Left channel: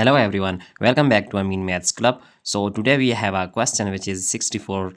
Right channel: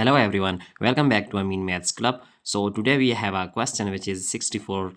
Hello everyone, welcome back to Amin Maths Club. So today we have a question which is 64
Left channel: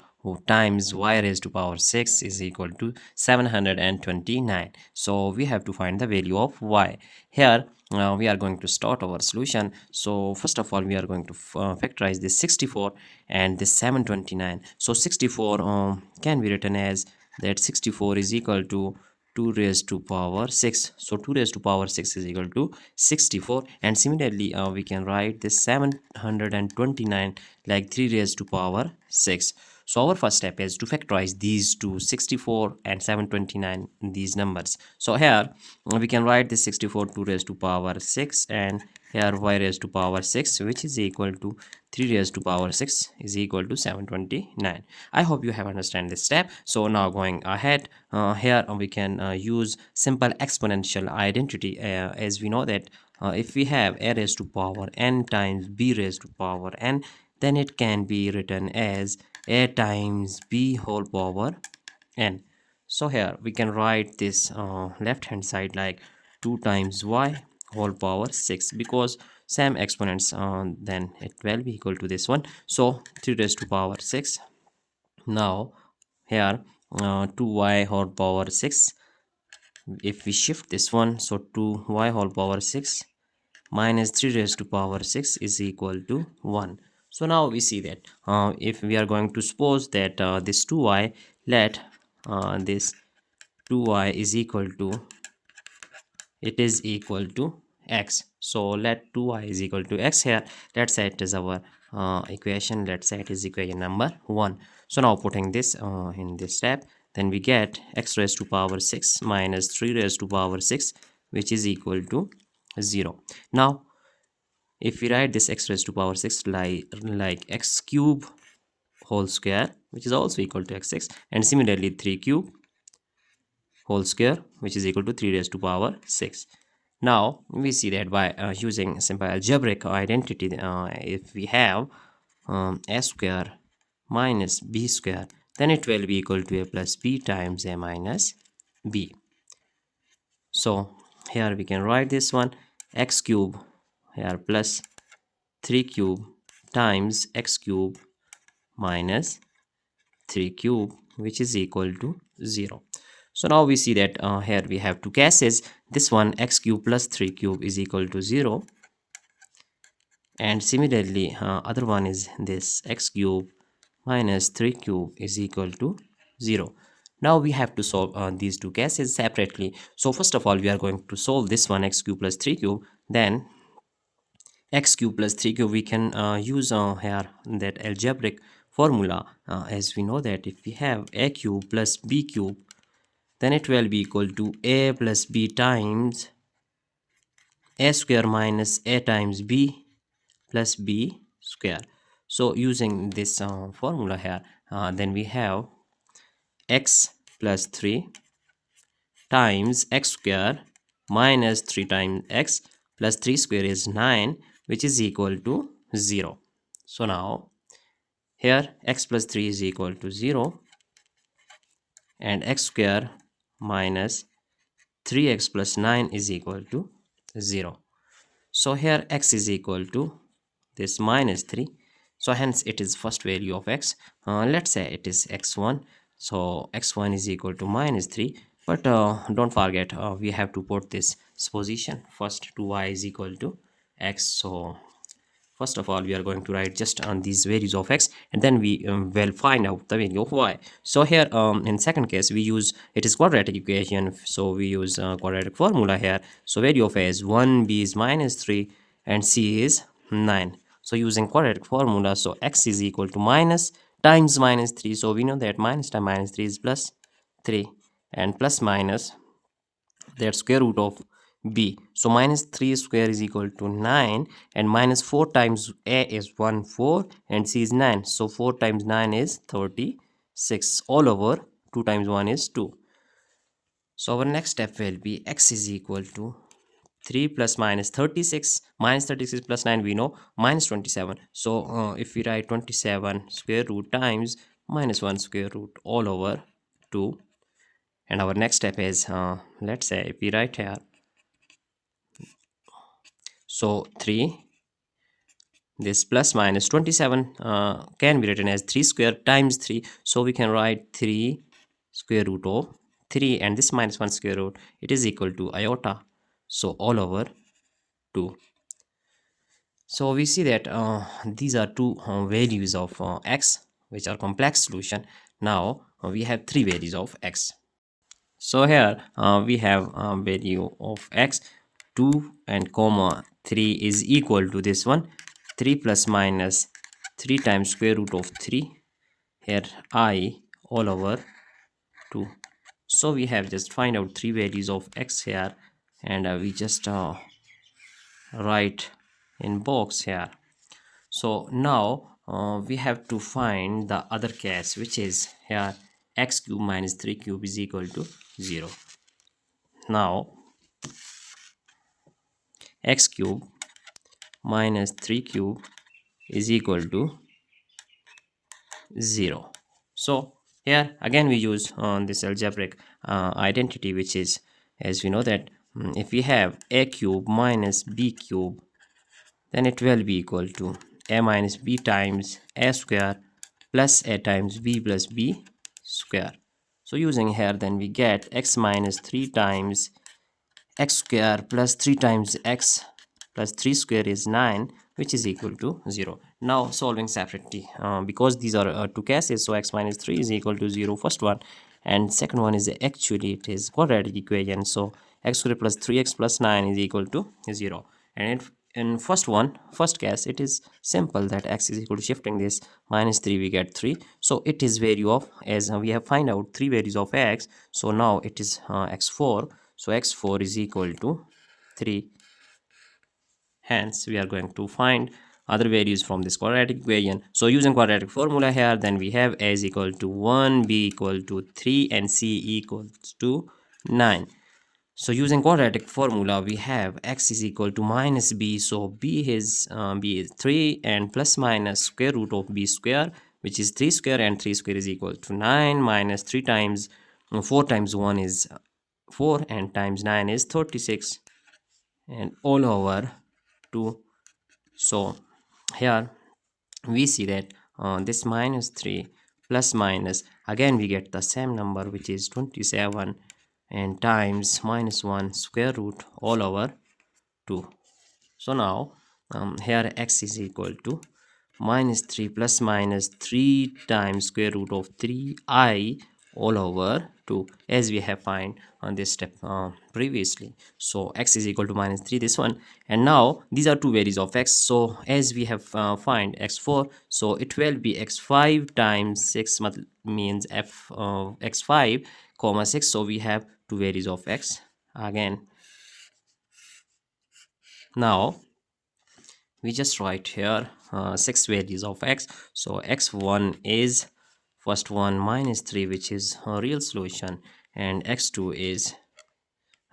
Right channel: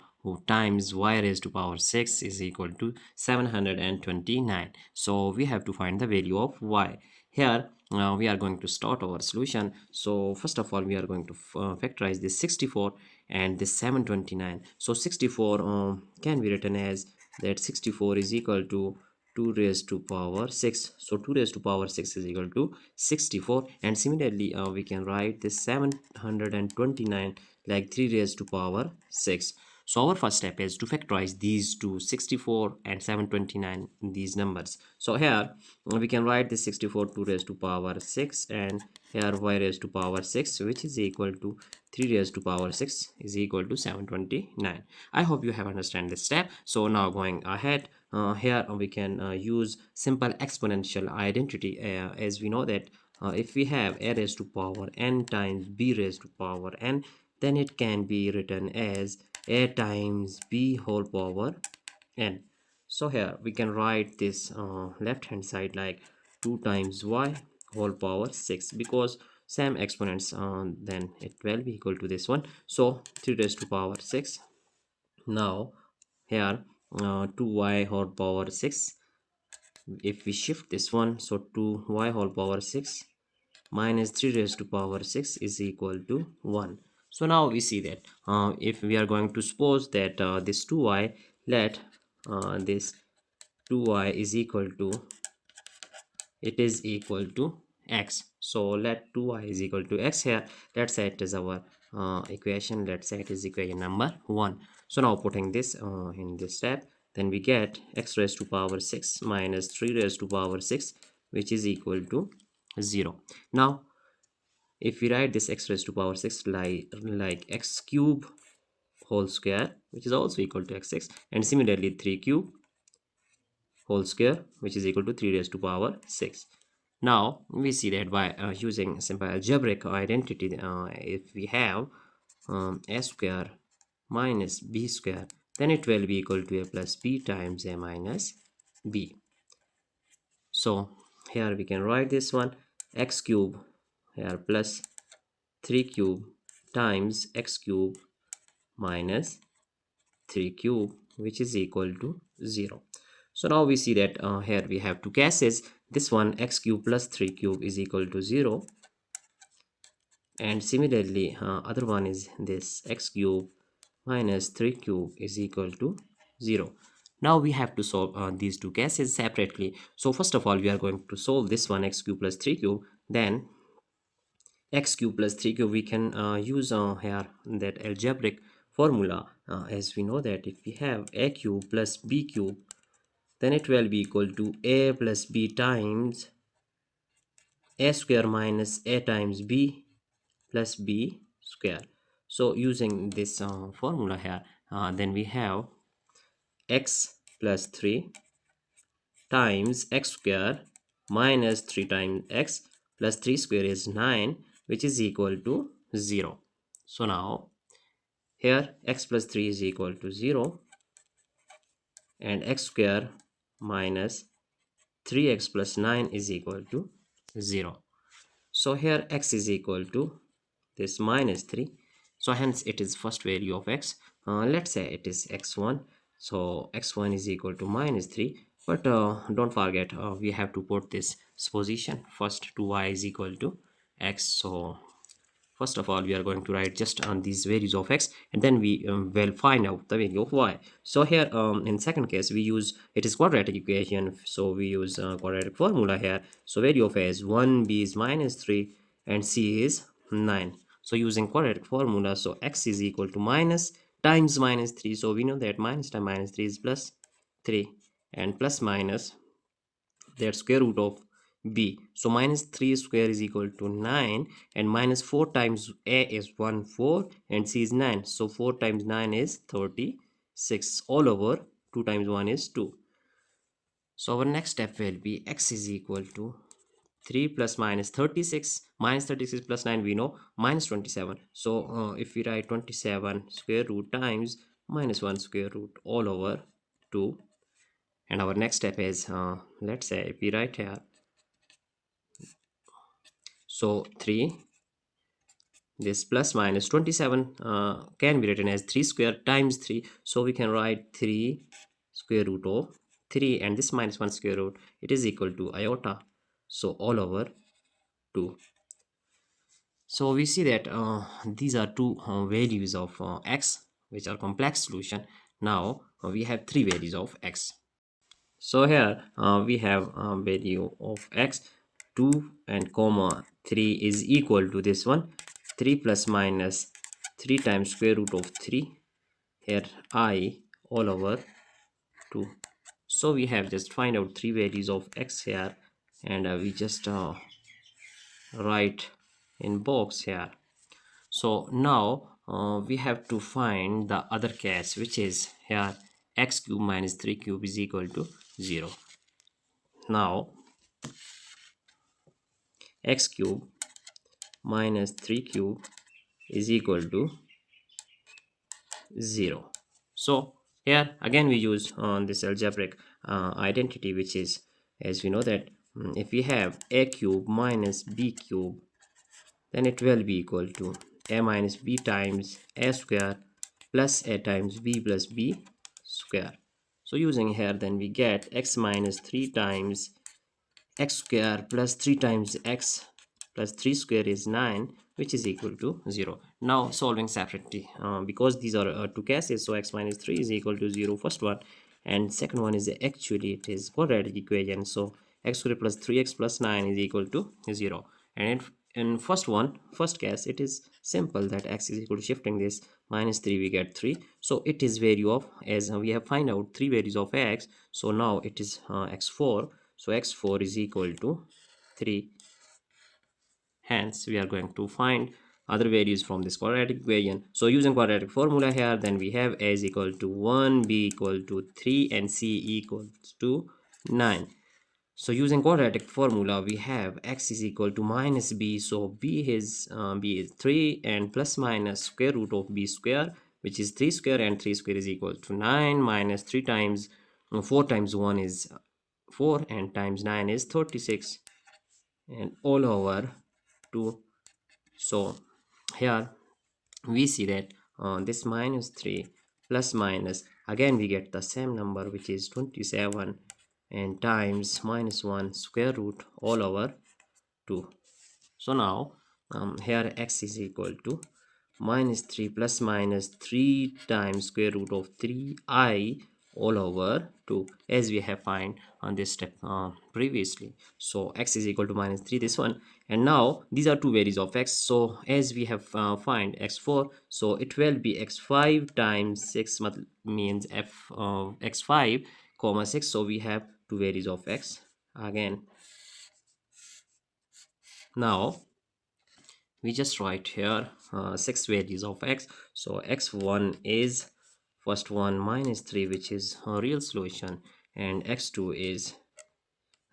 times y raised to power 6 is equal to 729. So we have to find the value of y. Here we are going to start our solution. So first of all we are going to factorize this 64 and this 729. So 64 can be written as that 64 is equal to 2 raised to power 6. So 2 raised to power 6 is equal to 64, and similarly we can write this 729 like 3 raised to power 6. So our first step is to factorize these two, 64 and 729, these numbers. So here we can write this 64 2 raised to power 6, and here y raised to power 6, which is equal to 3 raised to power 6 is equal to 729. I hope you have understand this step. So now going ahead, here we can use simple exponential identity, as we know that if we have a raised to power n times b raised to power n, then it can be written as a times b whole power n. So here we can write this left hand side like 2 times y whole power 6, because same exponents, then it will be equal to this one. So 3 raised to power 6. Now here 2y whole power 6, if we shift this one, so 2y whole power 6 minus 3 raised to power 6 is equal to 1. So now we see that if we are going to suppose that this 2y, let this 2y is equal to, it is equal to x. So let 2y is equal to x. Here let's say it is our equation, let's say it is equation number 1. So now putting this in this step, then we get x raised to power 6 minus 3 raised to power 6, which is equal to 0. Now if we write this x raised to power 6 like x cube whole square, which is also equal to x6, and similarly 3 cube whole square, which is equal to 3 raised to power 6. Now we see that by using simple algebraic identity, if we have a square minus b square, then it will be equal to a plus b times a minus b. So here we can write this one, x cube here plus 3 cube times x cube minus 3 cube, which is equal to 0. So now we see that here we have two cases. This one, x cube plus 3 cube is equal to 0, and similarly other one is this x cube minus 3 cube is equal to 0. Now we have to solve these two cases separately. So first of all we are going to solve this one, x cube plus 3 cube. Then x cube plus 3 cube, we can use here that algebraic formula, as we know that if we have a cube plus b cube, then it will be equal to a plus b times a square minus a times b plus b square. So using this formula here, then we have x plus 3 times x square minus 3 times x plus 3 square is 9, which is equal to 0. So now here x plus 3 is equal to 0, and x square minus 3x plus 9 is equal to 0. So here x is equal to this minus 3. So hence it is first value of x. Let's say it is x1. So x1 is equal to minus 3. But don't forget, we have to put this supposition first to y is equal to x. So first of all we are going to write just on these values of x, and then we will find out the value of y. So here in second case we use, it is quadratic equation, so we use quadratic formula here. So value of a is 1, b is minus 3, and c is 9. So using quadratic formula, so x is equal to minus times minus 3. So we know that minus times minus 3 is plus 3, and plus minus that square root of b. So minus 3 square is equal to 9, and minus 4 times a is 1 4, and c is 9. So 4 times 9 is 36 all over 2 times 1 is 2. So our next step will be x is equal to 3 plus minus 36. Minus 36 plus 9 we know minus 27. So if we write 27 square root times minus 1 square root all over 2. And our next step is let's say if we write here, so 3 this plus minus 27 can be written as 3 square times 3. So we can write 3 square root of 3, and this minus 1 square root, it is equal to iota. So all over 2. So we see that these are two values of x which are complex solution. Now we have three values of x. So here we have value of x 2 and comma 3 is equal to this one 3 plus minus 3 times square root of 3, here I all over 2. So we have just find out three values of x here, and we just write in box here. So now we have to find the other case, which is here x cube minus 3 cube is equal to 0. Now x cube minus 3 cube is equal to 0. So here again we use this algebraic identity, which is, as we know that if we have a cube minus b cube, then it will be equal to a minus b times a square plus a times b plus b square. So using here, then we get x minus 3 times x square plus 3 times x plus 3 square is 9, which is equal to 0. Now solving separately because these are two cases, so x minus 3 is equal to 0, first one, and second one is actually it is quadratic equation, so x square plus 3x plus 9 is equal to 0. And in first case, it is simple that x is equal to shifting this minus 3, we get 3. So it is value of, as we have find out three values of x, so now it is x4. So x4 is equal to 3. Hence we are going to find other values from this quadratic equation. So using quadratic formula here, then we have a is equal to 1, b equal to 3, and c equals to 9. So using quadratic formula, we have x is equal to minus b. So b is 3, and plus minus square root of b square, which is 3 square, and 3 square is equal to 9, minus 3 times 4 times 1 is 4, and times 9 is 36, and all over 2. So here we see that this minus 3 plus minus, again we get the same number, which is 27, and times minus 1 square root all over 2. So now here x is equal to minus 3 plus minus 3 times square root of 3I all over 2, as we have find on this step previously. So x is equal to minus 3, this one, and now these are two values of x. So as we have find x4, so it will be x5 times 6 means x5 comma 6. So we have two values of x again. Now we just write here 6 values of x. So x1 is first one minus 3, which is a real solution, and x2 is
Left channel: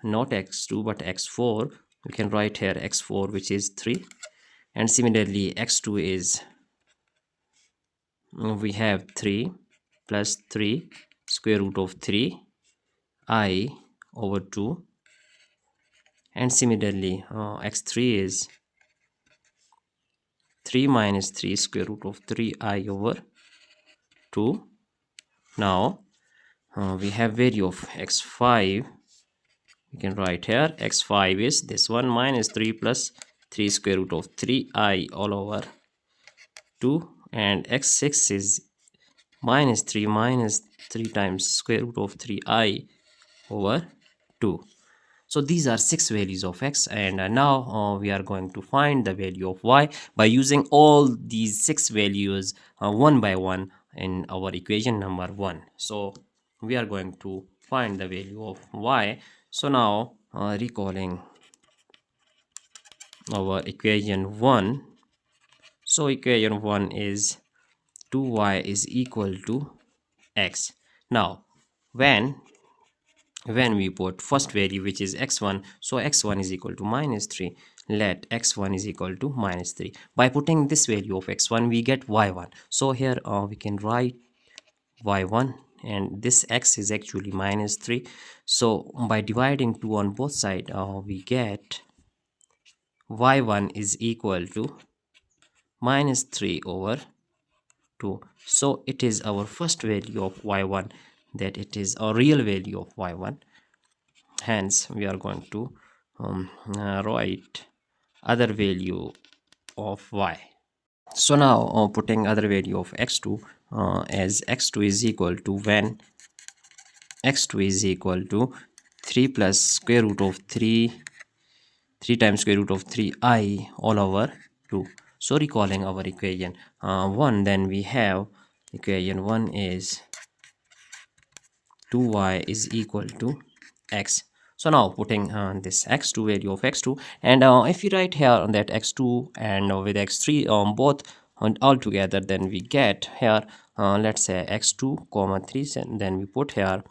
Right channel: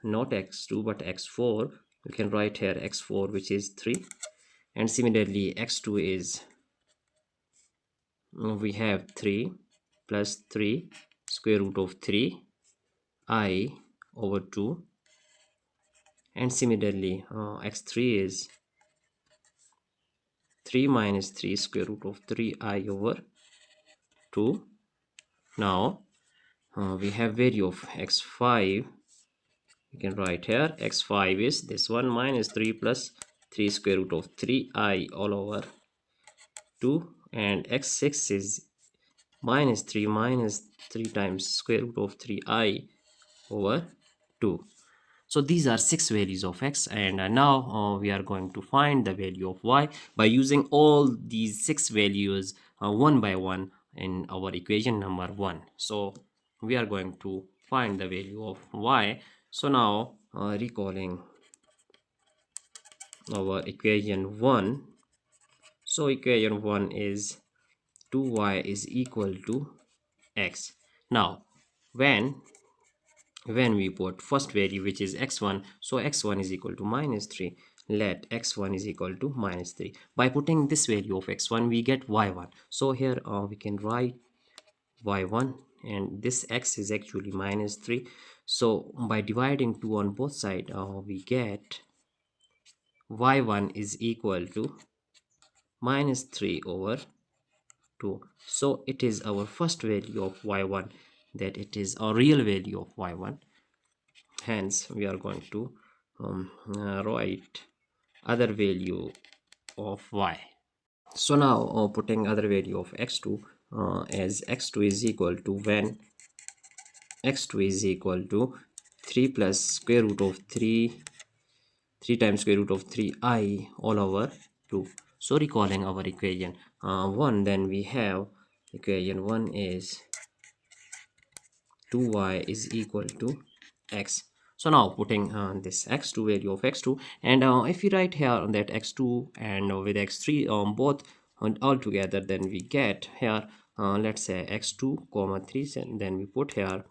not x2 but x4. We can write here x4, which is 3, and similarly x2 is, we have 3 plus 3 square root of 3 I over 2, and similarly x3 is 3 minus 3 square root of 3I over 2. Now we have value of x5. We can write here x5 is this one minus 3 plus 3 square root of 3I all over 2, and x6 is minus 3 times square root of 3I over 2. So these are 6 values of x, and now we are going to find the value of y by using all these 6 values one by one in our equation number 1. So we are going to find the value of y. So now recalling our equation 1. So equation 1 is 2y is equal to x. Now when we put first value, which is x1, so x1 is equal to minus 3, let x1 is equal to minus 3. By putting this value of x1, we get y1. So here we can write y1, and this x is actually minus 3. So by dividing 2 on both sides, we get y1 is equal to minus 3 over 2. So it is our first value of y1, that it is a real value of y1. Hence we are going to write other value of y. So now putting other value of x2 as x2 is equal to, when x2 is equal to 3 plus square root of 3 times square root of 3I all over 2. So recalling our equation 1, then we have equation 1 is 2y is equal to x. So now putting this x2 value of x2, and if we write here on that x2 and with x3 both all together, then we get here let's say x2 comma 3, and then we put here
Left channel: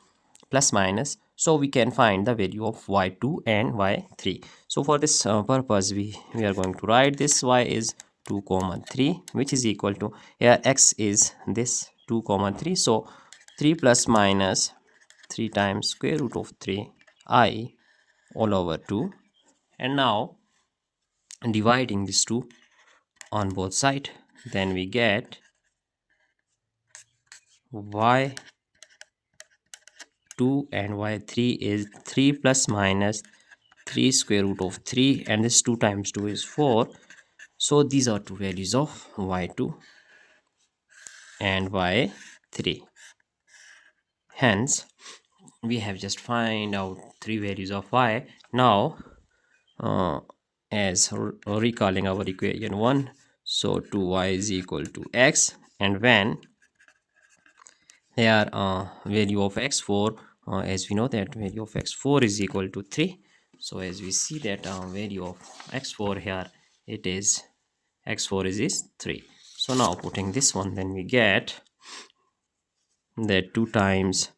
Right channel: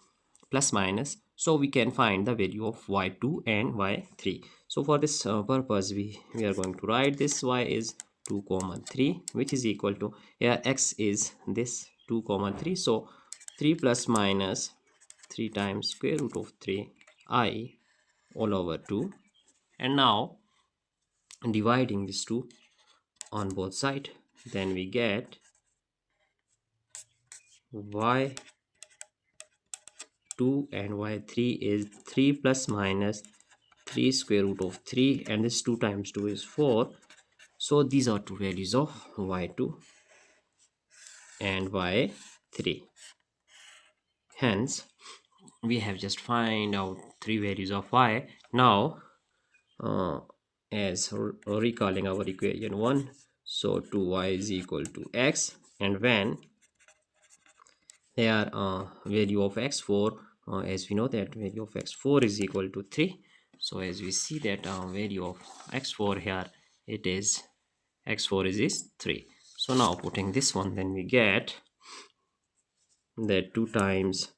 plus minus, so we can find the value of y2 and y3. So for this purpose we are going to write this y is 2 comma 3, which is equal to, here x is this 2 comma 3, so 3 plus minus 3 times square root of 3I all over 2. And now dividing this 2 on both sides, then we get y2 and y3 is 3 plus minus 3 square root of 3, and this 2 times 2 is 4. So these are two values of y2 and y3. Hence we have just find out three values of y. Now as recalling our equation 1, so 2y is equal to x, and when here value of x4, as we know that value of x4 is equal to 3. So as we see that value of x4 here, it is x4 is 3. So now putting this one, then we get that 2 times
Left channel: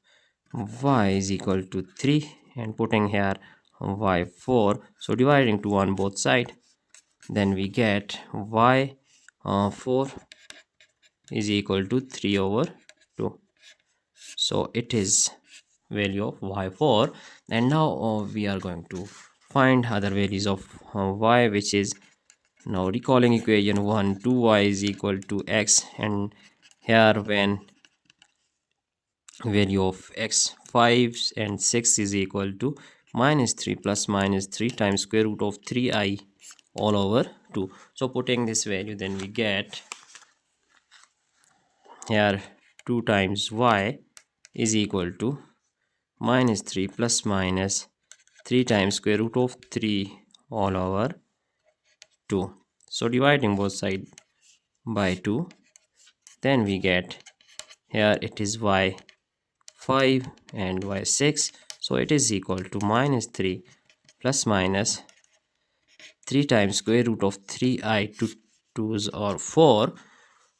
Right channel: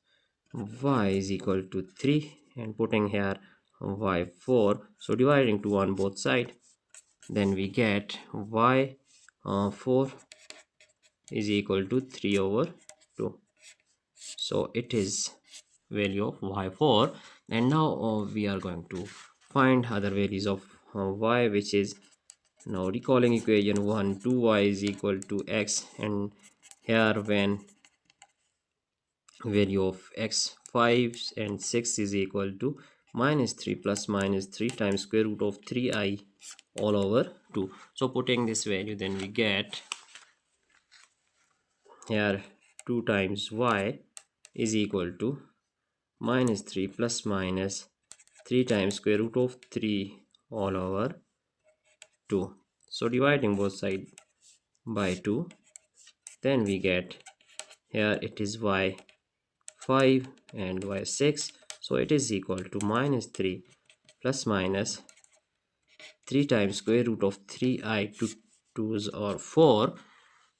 y is equal to 3, and putting here y4, so dividing 2 on both sides, then we get y4 is equal to 3 over 2. So it is value of y4. And now we are going to find other values of y, which is, now recalling equation 1, 2y is equal to x, and here when value of x 5 and 6 is equal to minus 3 plus minus 3 times square root of 3I all over 2. So putting this value, then we get here 2 times y is equal to minus 3 plus minus 3 times square root of 3 all over 2. So dividing both sides by 2, then we get here it is y5 and y6, so it is equal to minus 3 plus minus 3 times square root of 3I, 2's or 4.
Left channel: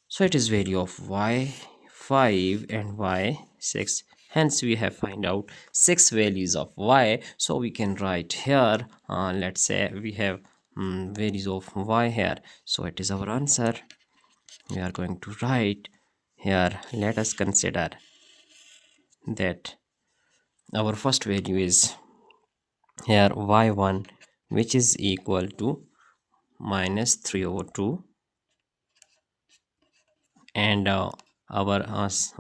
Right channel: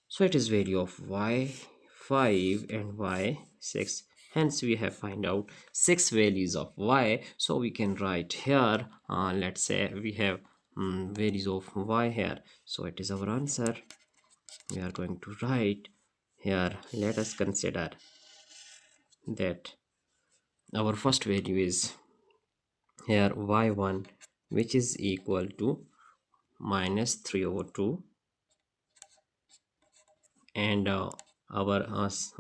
So it is value of y5 and y6. Hence we have find out 6 values of y. So we can write here let's say we have values of y here, so it is our answer. We are going to write here, let us consider that our first value is here y1, which is equal to minus 3 over 2, and our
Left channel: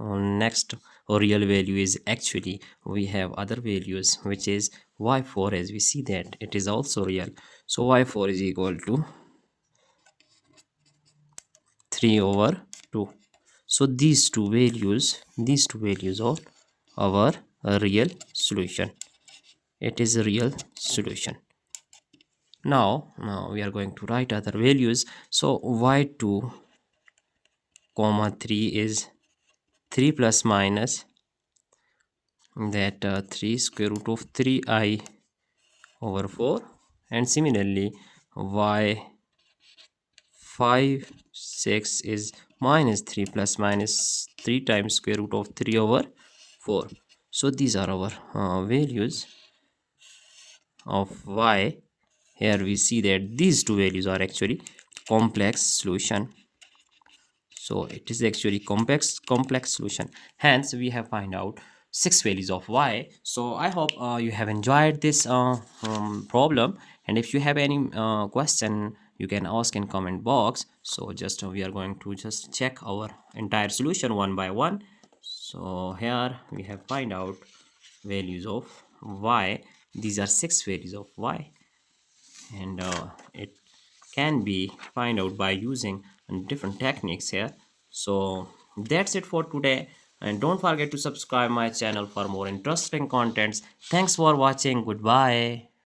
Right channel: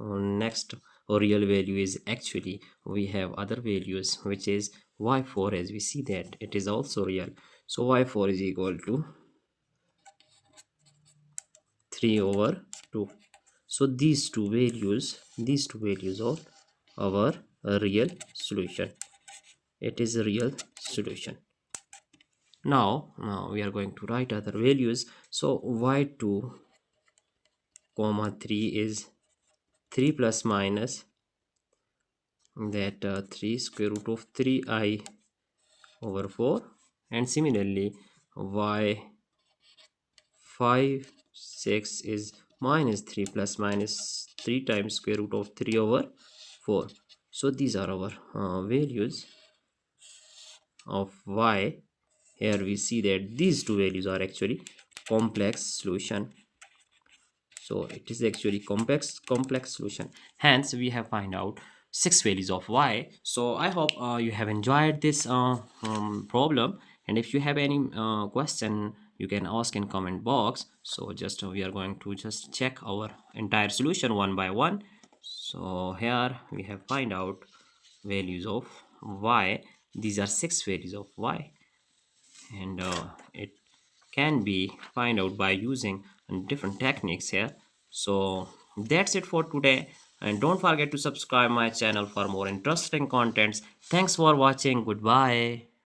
next real value is, actually we have other values, which is y4, as we see that it is also real. So y4 is equal to 3 over 2. So these two values are our real solution. It is a real solution. Now we are going to write other values. So y2 comma 3 is 3 plus minus that 3 square root of 3I over 4, and similarly y5 6 is minus 3 plus minus 3 times square root of 3 over 4. So these are our values of y. Here we see that these two values are actually complex solution. So it is actually complex solution. Hence we have find out 6 values of y. So I hope you have enjoyed this problem, and if you have any question, you can ask in comment box. So just we are going to just check our entire solution one by one. So here we have find out values of y. These are 6 values of y, and it can be find out by using different techniques here. So that's it for today, and don't forget to subscribe my channel for more interesting contents. Thanks for watching. Goodbye.